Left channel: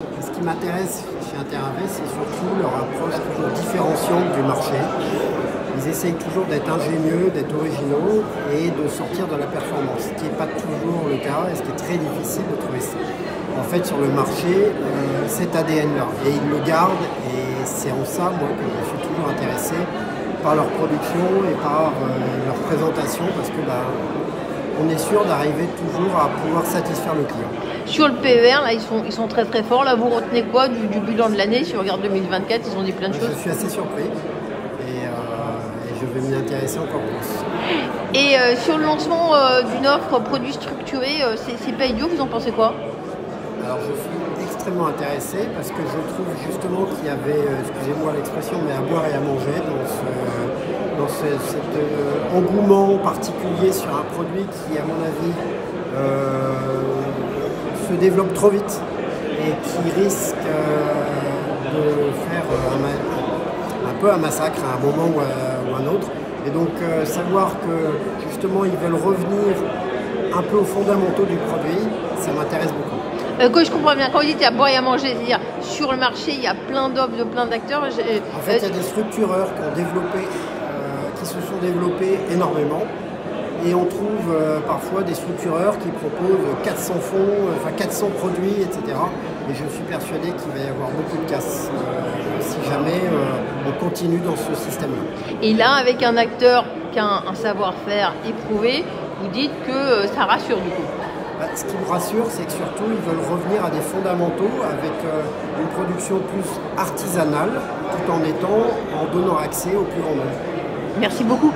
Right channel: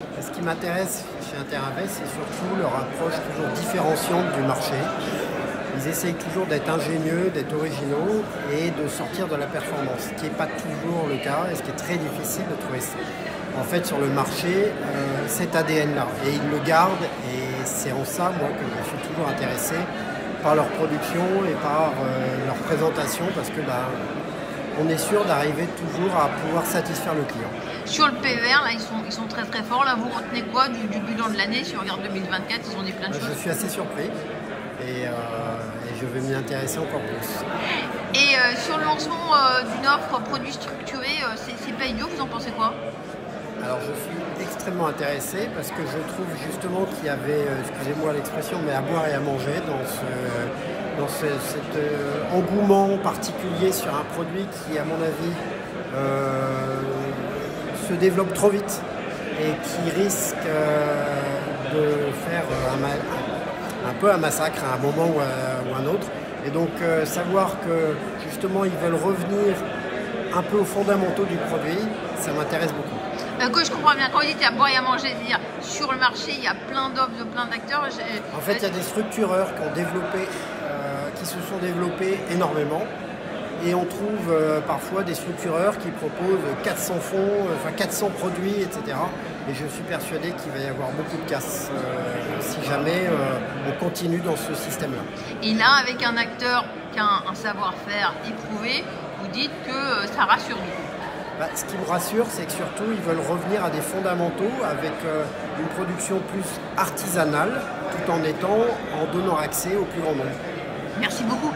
Ce qui m'intéresse chez Interavet, c'est surtout leur approche toujours différenciante du marché. Ils essayent toujours d'être ingénieux, d'être originaux et de sortir de la performance, ce qui n'est pas toujours le cas et ce qui est très difficile de trouver ça. En fait, sur le marché, cet ADN-là, et ils le gardent, et c'est en ça, moi, que je suis toujours intéressé par leur production et par leur présentation, parce que on est sûr d'arriver toujours à pouvoir satisfaire le client. Sur le PER, là, ils sont très très forts. Là, vous retenez quoi du bilan de l'année? Si on regarde 2024, ils ont dit plein de choses. Je suis assez surpris et je vais m'y intéresser encore plus. Et sur le lancement d'une offre produit structuré, c'est Paydou, vous en pensez quoi? Alors je suis extrêmement intéressé parce que je trouve justement qu'il y avait, excusez-moi l'expression, mais à boire et à manger dans cet engouement particulier sur un produit qui, à mon avis, se développe trop vite et qui risque de faire un peu un massacre à un moment ou à un autre. Et donc savoir que justement ils veulent revenir un peu aux fondamentaux du produit, ça m'intéresse beaucoup. Que je comprends bien, quand vous dites qu'il y a à boire et à manger, c'est-à-dire sur le marché il y a plein d'offres de plein d'acteurs. En fait, il y a des structureurs qui se sont développés énormément. Et on trouve parfois des structureurs qui proposent 400 fonds, 400 produits, etc. Et je suis persuadé qu'il va y avoir beaucoup de casse si jamais on continue dans ce système-là. Et là, avec un acteur qui a un savoir-faire éprouvé, vous dites que ça rassure du coup. Ce qui me rassure, c'est que surtout, ils veulent revenir à des fondamentaux avec une production plus artisanale, tout en donnant accès au plus grand nombre. Merci beaucoup.